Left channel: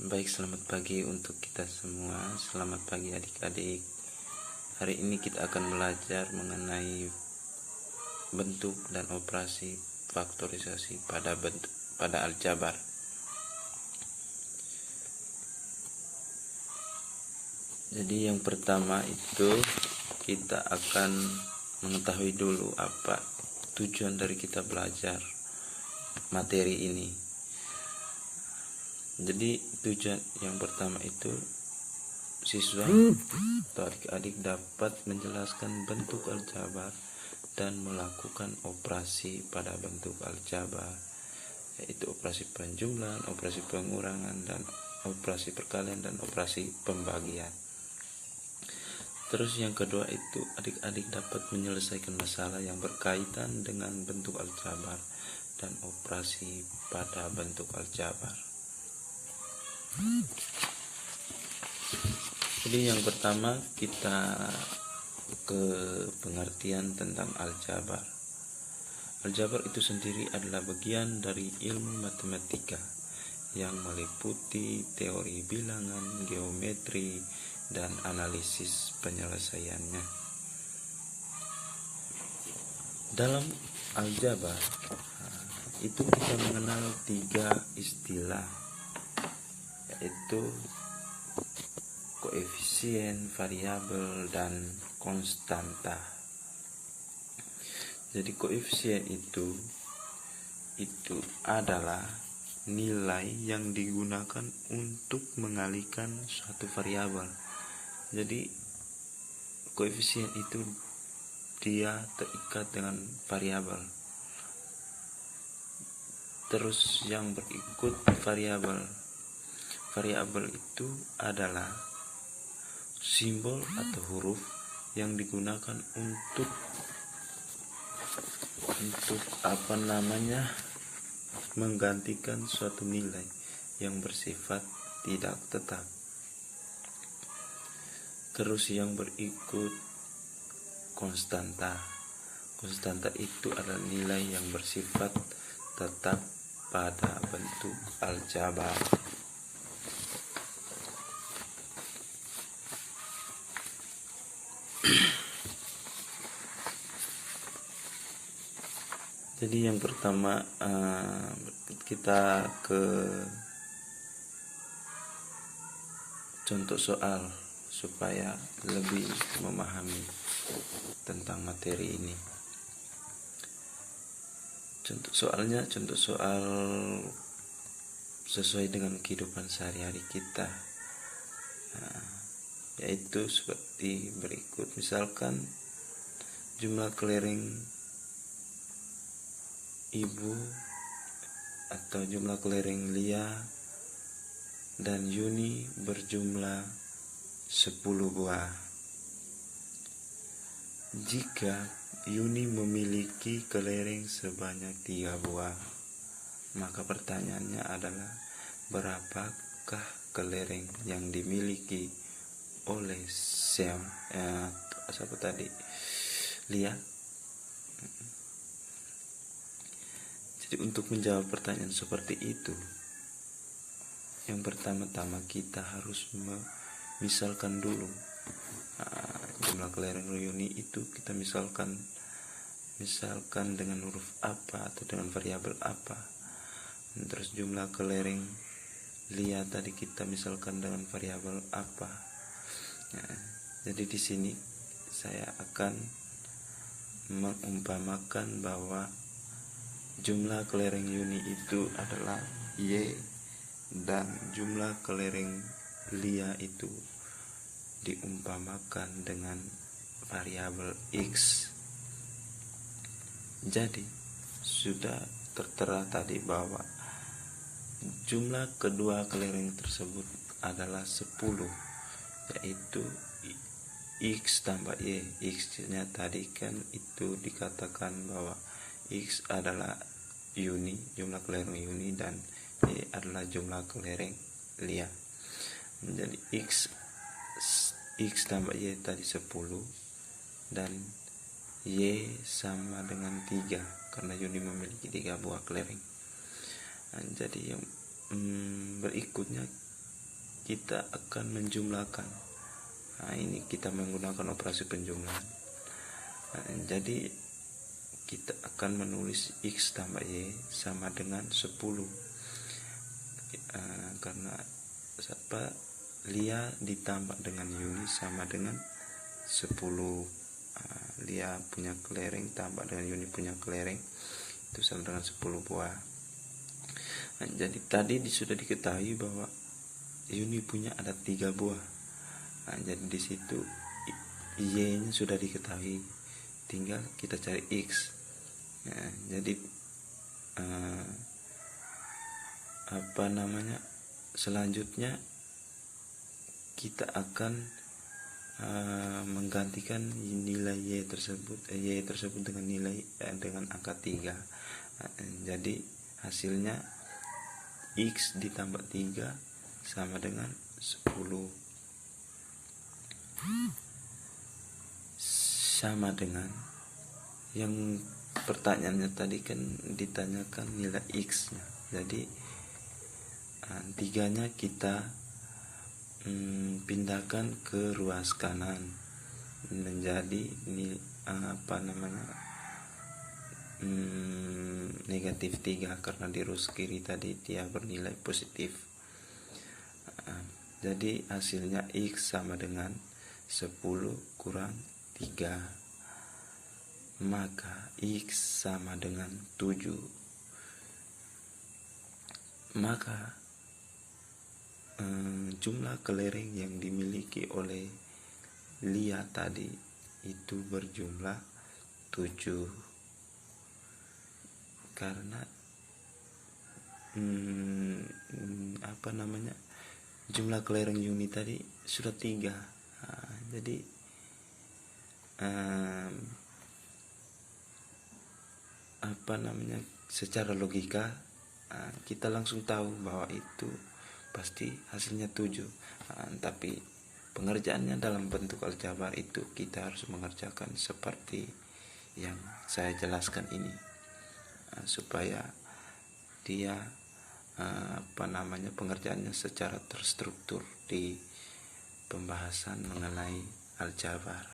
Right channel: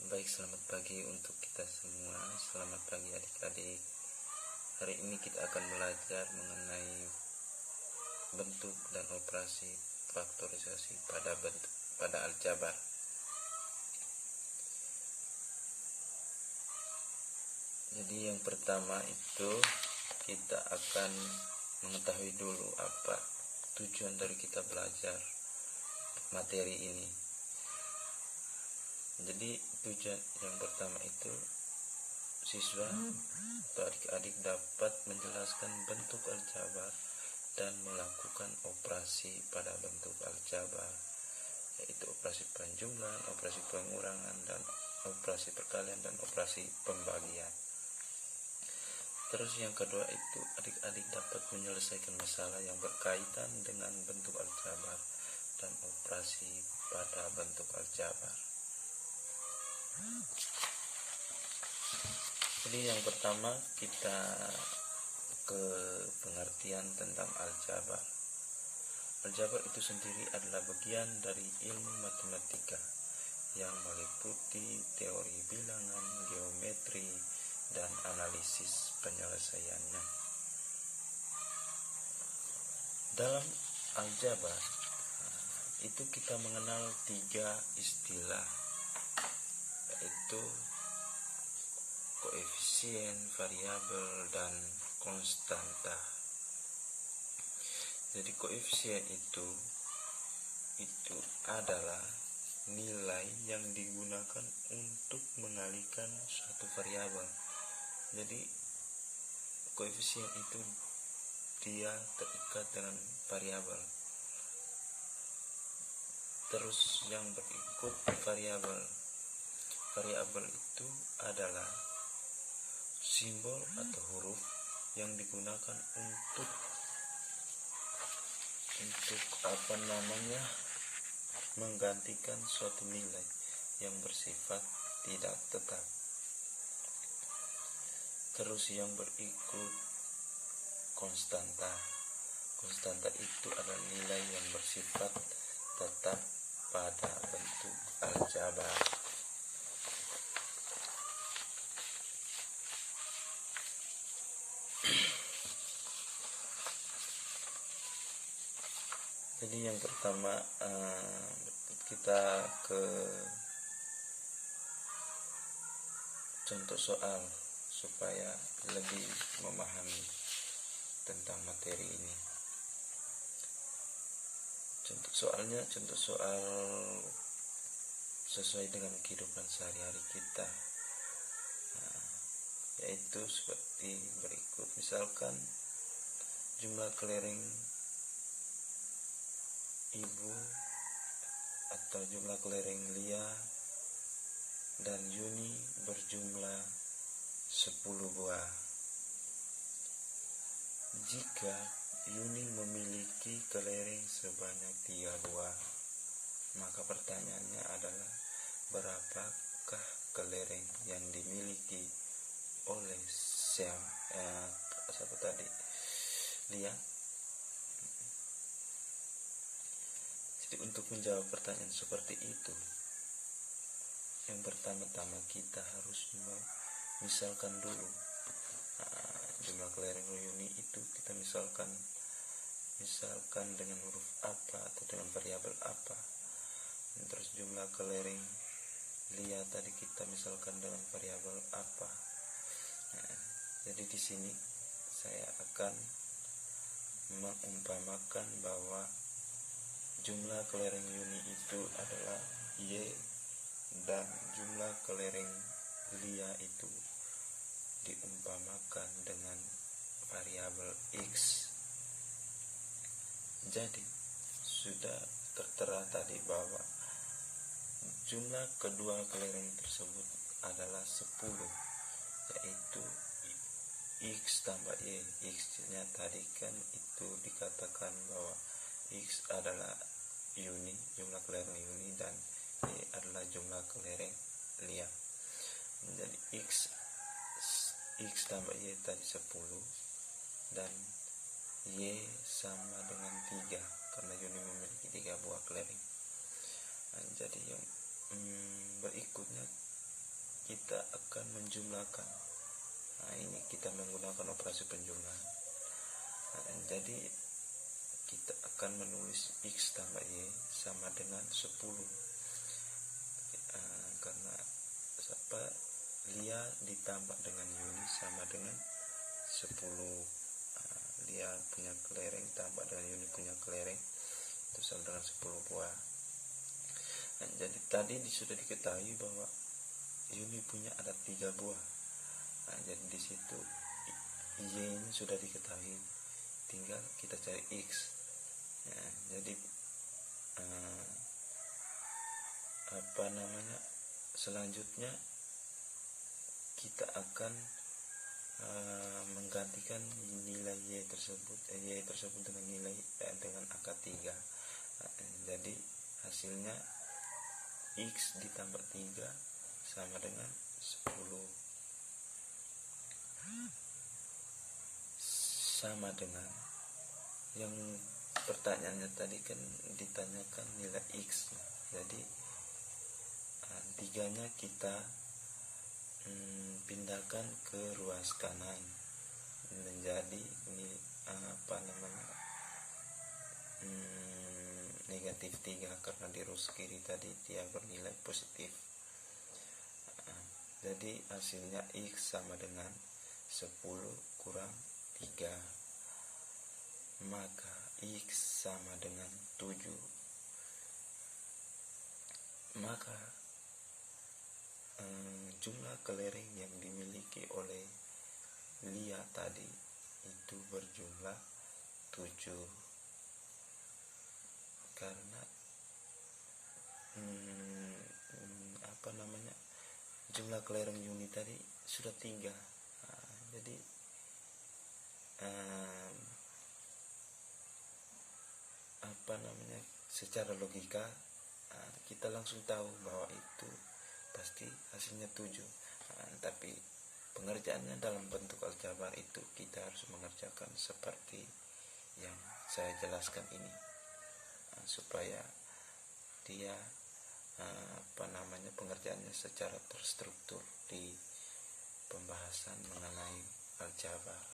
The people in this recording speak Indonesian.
Baik, selamat pagi untuk kita semua. Selamat pagi adik-adik. Hari ini kita akan belajar mengenai bentuk dan operasi faktorisasi pada aljabar. Jadi yang pertama itu kita akan mengetahui dulu apa tujuan dari kita belajar materi ini. Jadi tujuan yang pertama itu siswa atau adik-adik dapat menjelaskan bentuk aljabar dan melakukan operasi pada bentuk aljabar, yaitu operasi penjumlahan, operasi pengurangan, dan operasi perkalian dan operasi pembagian. Terus yang kedua itu adik-adik dapat menyelesaikan masalah yang berkaitan dengan bentuk aljabar dan operasi pada bentuk aljabar. Jadi yang pertama kita ke pengertian tentang aljabar. Aljabar itu sendiri adalah bagian dari ilmu matematika yang meliputi teori bilangan, geometri, dan analisis penyelesaiannya. Dalam aljabar itu kita mengenal 3 istilah, yaitu koefisien, variabel, dan konstanta. Jadi koefisien itu adalah nilai yang digunakan untuk mengalihkan suatu variabel. Jadi koefisien itu dia terikat dengan variabel. Terus yang berikut variabel. Variabel itu adalah simbol atau huruf yang digunakan untuk menggantikan suatu nilai yang bersifat tidak tetap. Terus yang berikut konstanta. Konstanta itu adalah nilai yang bersifat tetap pada bentuk aljabar. Jadi yang pertama kita ke contoh soal supaya lebih memahami tentang materi ini. Contoh soal sesuai dengan kehidupan sehari-hari kita, yaitu seperti berikut. Misalkan jumlah kelereng Ibu atau jumlah kelereng Lia dan Yuni berjumlah 10 buah. Jika Yuni memiliki kelereng sebanyak 3 buah, maka pertanyaannya adalah berapakah kelereng yang dimiliki oleh Lia? Jadi untuk menjawab pertanyaan seperti itu, yang pertama-tama kita harus misalkan dulu jumlah kelereng Yuni itu kita misalkan dengan huruf apa atau dengan variabel apa. Terus jumlah kelereng Lia tadi kita misalkan dengan variabel apa. Jadi di sini saya akan mengumpamakan bahwa jumlah kelereng Yuni itu adalah Y dan jumlah kelereng Lia itu diumpamakan dengan variabel X. Jadi sudah tertera tadi bahwa jumlah kedua kelereng tersebut adalah 10, yaitu X tambah Y. X-nya tadi kan itu dikatakan bahwa X adalah Yuni, jumlah kelereng Yuni, dan Y adalah jumlah kelereng Lia. Menjadi X tambah Y tadi 10 dan Y sama dengan 3 karena Yuni memiliki 3 buah kelereng. Jadi yang berikutnya kita akan menjumlahkan. Nah, ini kita menggunakan operasi penjumlahan. Nah, jadi kita akan menulis X tambah Y sama dengan 10. Karena Lia ditambah dengan Yuni sama dengan 10. Lia punya kelereng tambah dengan Yuni punya kelereng itu sama dengan 10 buah. Nah, jadi tadi sudah diketahui bahwa Yuni punya ada 3 buah. Nah, jadi di situ Y-nya sudah diketahui, tinggal kita cari X. Nah, jadi selanjutnya kita akan menggantikan nilai Y tersebut dengan nilai dengan angka 3. Jadi hasilnya X ditambah 3 sama dengan 10, sama dengan yang pertanyaannya tadi kan ditanyakan nilai X nya. Jadi 3-nya kita pindahkan ke ruas kanan menjadi negatif 3 karena di ruas kiri tadi dia bernilai positif. Jadi hasilnya X sama dengan 10 kurang 3, maka X sama dengan 7. Maka jumlah kelereng yang dimiliki oleh Lia tadi itu berjumlah 7, karena jumlah kelereng Yuni tadi sudah 3. Jadi secara logika kita langsung tahu bahwa itu pasti hasilnya 7. Tapi pengerjaannya dalam bentuk aljabar itu kita harus mengerjakan seperti yang saya jelaskan ini, supaya dia pengerjaannya secara terstruktur di pembahasan mengenai aljabar.